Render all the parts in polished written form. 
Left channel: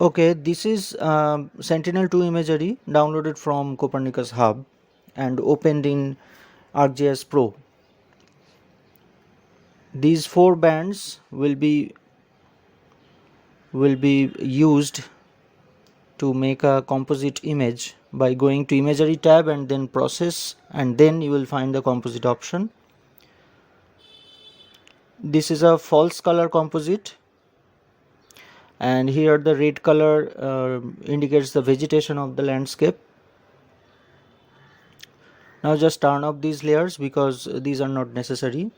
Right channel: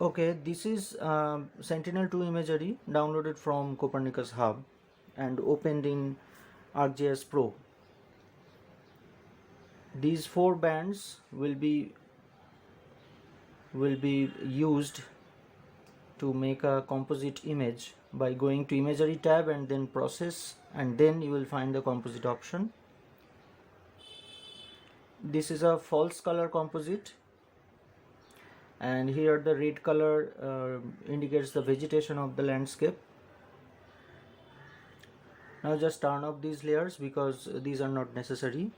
Okay, this is Sentinel-2 imagery downloaded from Copernicus Hub and opened in ArcGIS Pro. These four bands will be used to make a composite image by going to Imagery tab and then Process, and then you will find the composite option. This is a false color composite, and here the red color indicates the vegetation of the landscape. Now just turn off these layers because these are not necessary.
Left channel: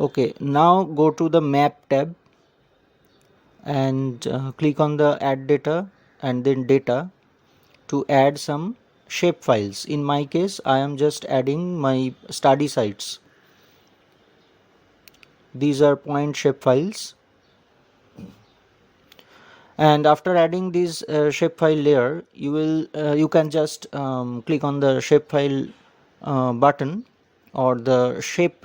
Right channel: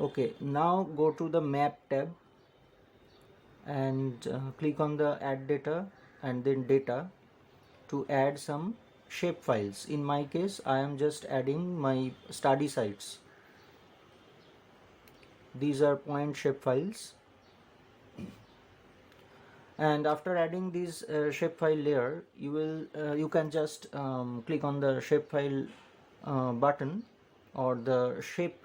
Okay, now go to the Map tab and click on the Add Data and then Data to add some shape files. In my case, I am just adding my study sites. These are point shape files. And after adding this shapefile layer, you can just click on the shapefile button or the shape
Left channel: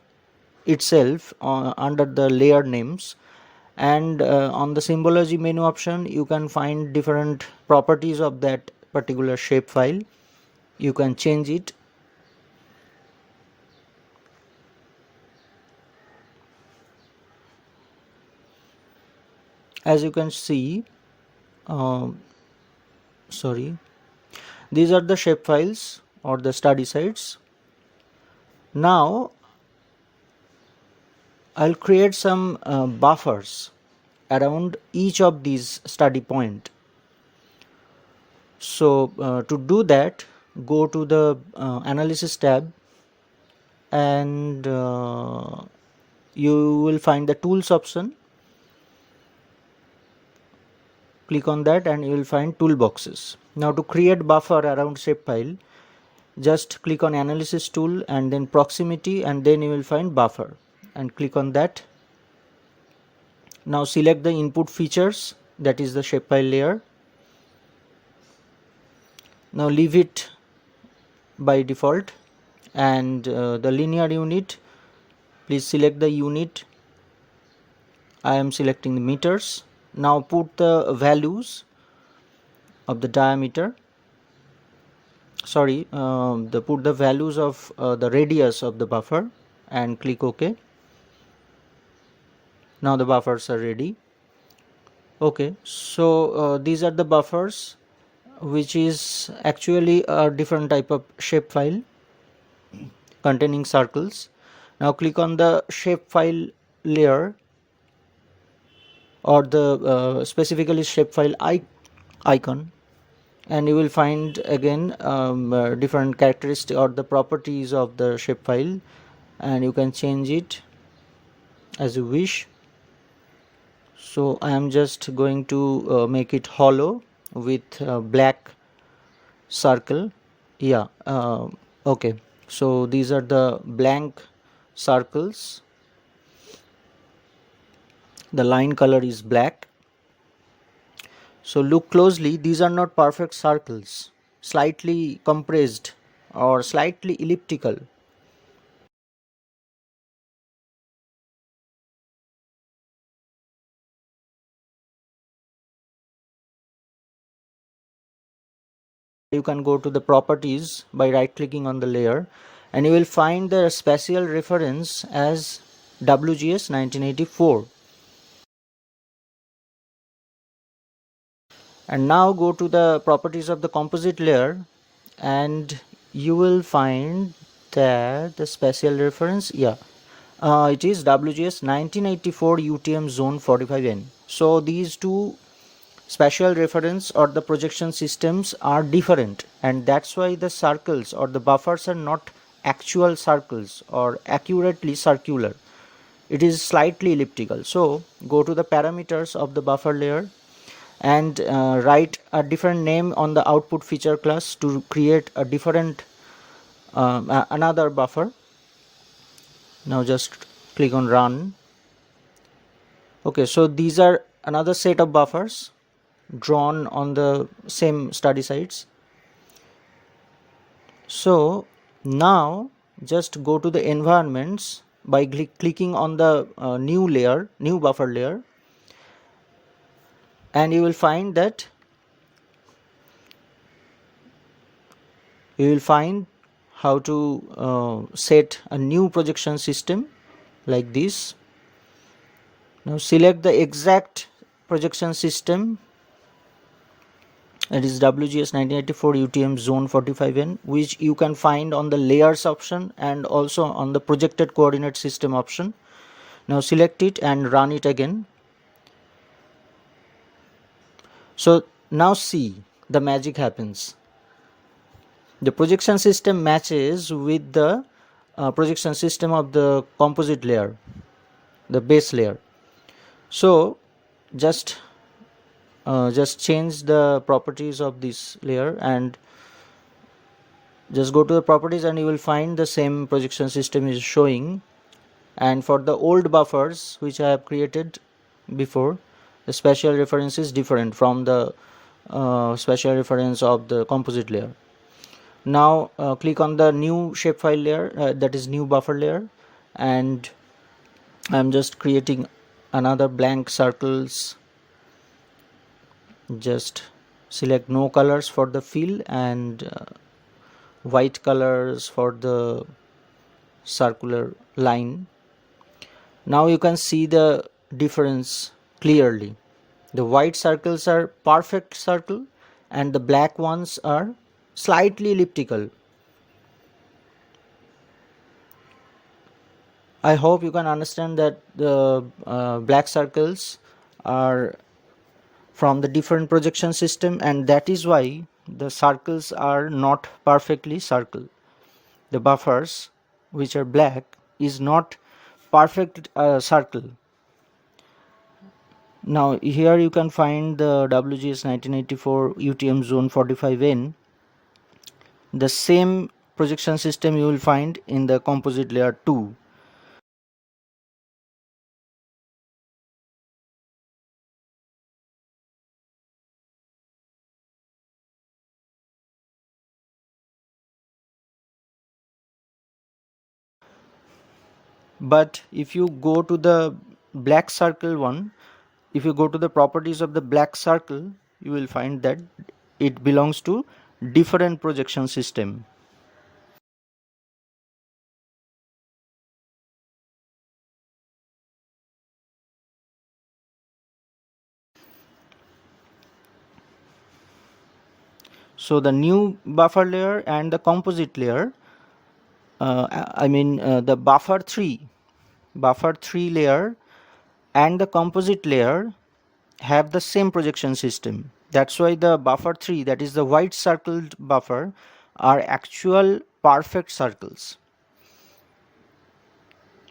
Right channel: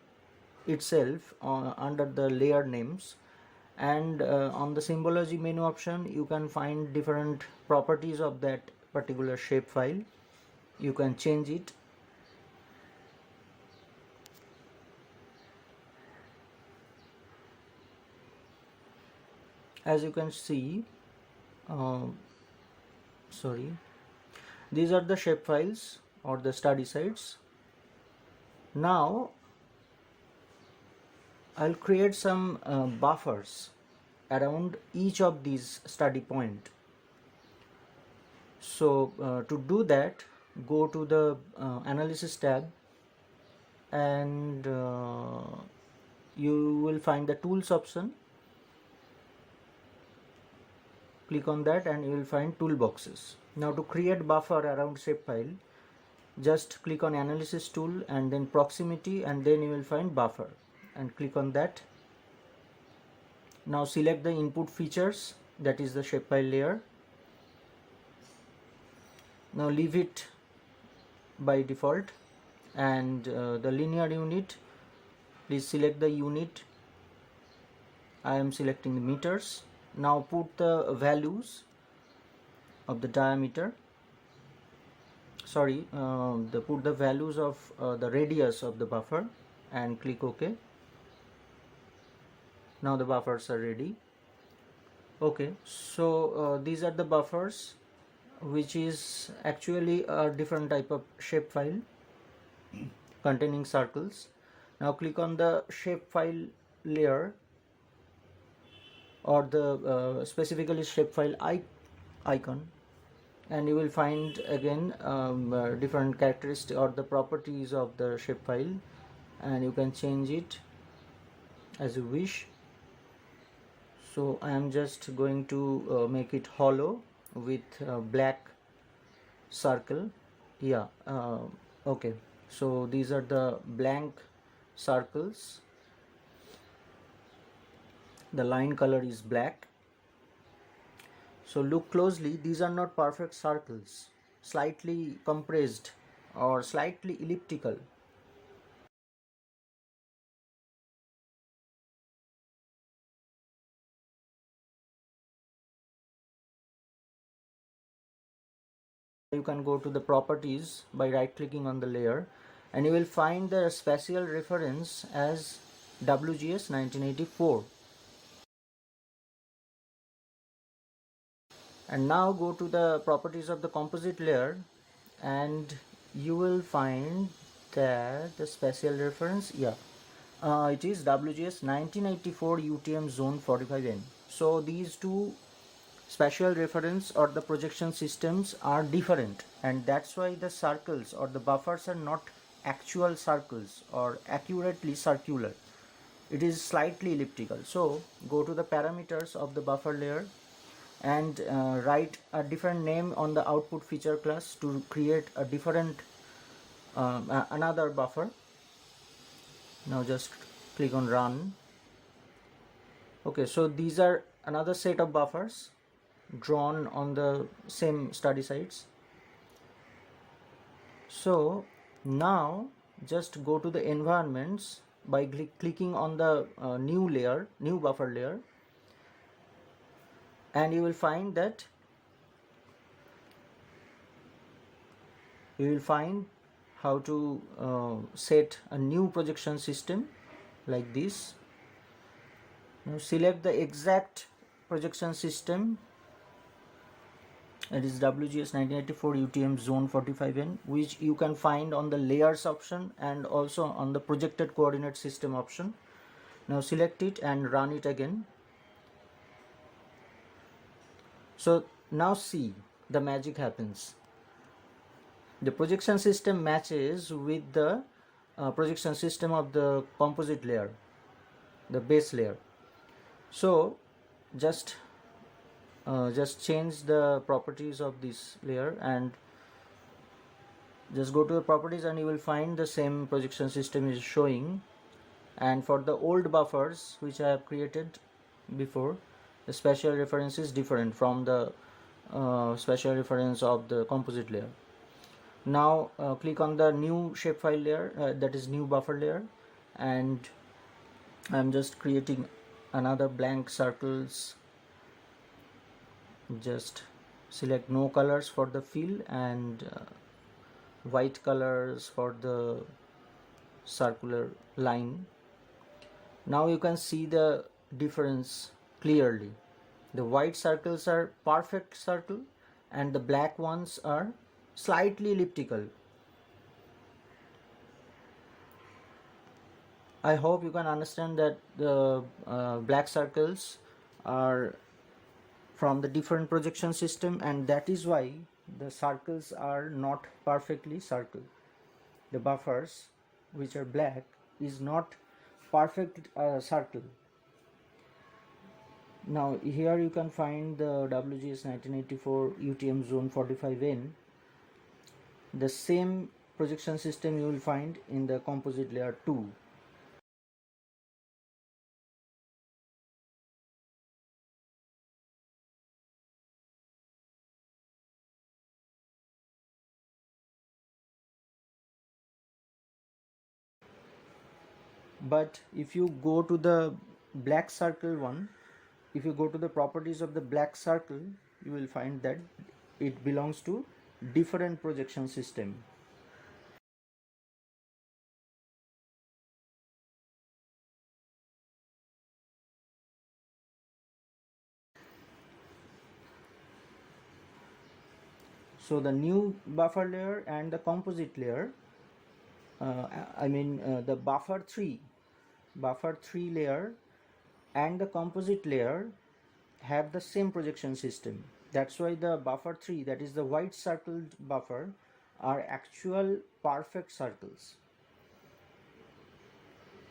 itself under the layer names, and on the symbology menu option you can find different properties of that particular shapefile. You can change it. As you can see, these are the shapefiles or the study sites. Now I'll create some buffers around each of these study point. So to do that, go to the Analysis tab and you will find the Tools option. Click on that and you will find toolboxes. Now to create buffer around shapefile, just click on Analysis tool and then Proximity, and then you will find buffer and click on that. Now select the input features, that is the shapefile layer. Now leave it by default, and the linear unit, please select the unit. I am selecting the meters. Now put the values of the diameter, put the values of the radius of the buffer and click OK. Now the buffers are ready. Okay, so these are the buffers, which is actually a different type of shapefile containing circles. Now click on the shapefile layer or the specifically shapefile icon, and you will find again different characteristics or the properties of the shapefile, and you can change it as you wish. So I am just going to make it hollow with black circle. Yeah, okay, so these are the blank circles. The line color is black. So look closely, these are not perfect circles, slightly compressed or slightly elliptical. You can go to the properties by right clicking on the layer, and you will find the spatial reference as WGS 1984. And now go to the properties of the composite layer, and you will find that the spatial reference, it is WGS 1984 UTM zone 45N. So these two spatial reference or the projection systems are different, and that's why the circles or the buffers are not actual circles or accurately circular. It is slightly elliptical. So go to the parameters of the buffer layer and write a different name on the output feature class to create a different another buffer. Now just click on run. Okay, so these are another set of buffers drawn on the same study sites. So now just go to the environments by clicking on the new buffer layer, and you will find that how to set a new projection system like this. Now select the exact projection system, it is WGS 1984 UTM zone 45N, which you can find on the layers option and also on the projected coordinate system option. Now select it and run it again. So now see, the magic happens. The projection system matches with the projection system of the composite layer, the base layer. So just change the properties of this layer and just go to the properties, and you will find the same projection system is showing. And for the old buffers which I have created before, the spatial reference is different from the spatial reference of the composite layer. Now click on the new shapefile layer, that is new buffer layer, and I'm just creating another blank circles. Just select no colors for the fill and white colors for the circular line. Now you can see the difference clearly. The white circles are perfect circle and the black ones are slightly elliptical. I hope you can understand that the black circles are from the different projection system, and that is why the circles are not perfectly circle. The buffers which are black is not perfect circle. Now here you can find the WGS 1984 UTM zone 45N. The same projection system you will find in the composite layer 2. But if you go to the black circle one, if you go to the properties of the black circle, you will find that it belongs to different projection system. So the new buffer layer and the composite layer, the buffer 3 layer and the composite layer have the same projection system. That's why the buffer 3, that is the white circled buffer, are actual perfect circles.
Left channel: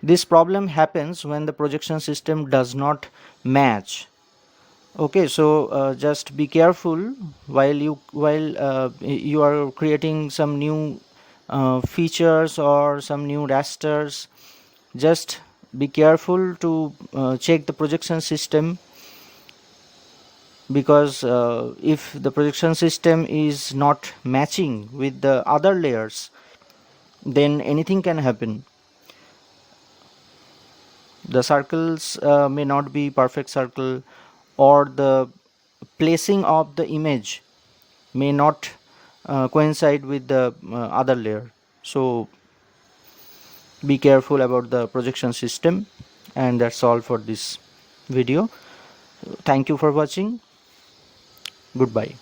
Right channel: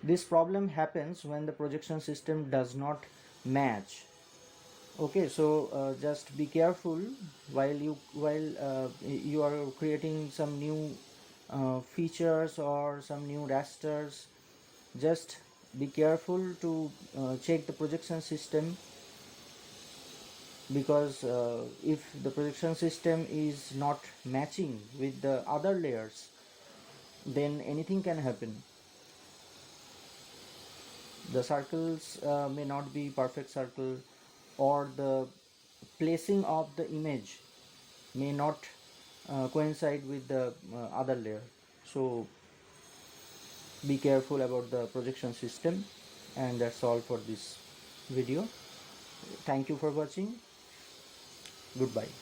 This problem happens when the projection system does not match. Okay, so just be careful while you are creating some new features or some new rasters. Just be careful to check the projection system, because if the projection system is not matching with the other layers, then anything can happen. The circles may not be perfect circle, or the placing of the image may not coincide with the other layer. So be careful about the projection system. And that's all for this video. Thank you for watching. Goodbye.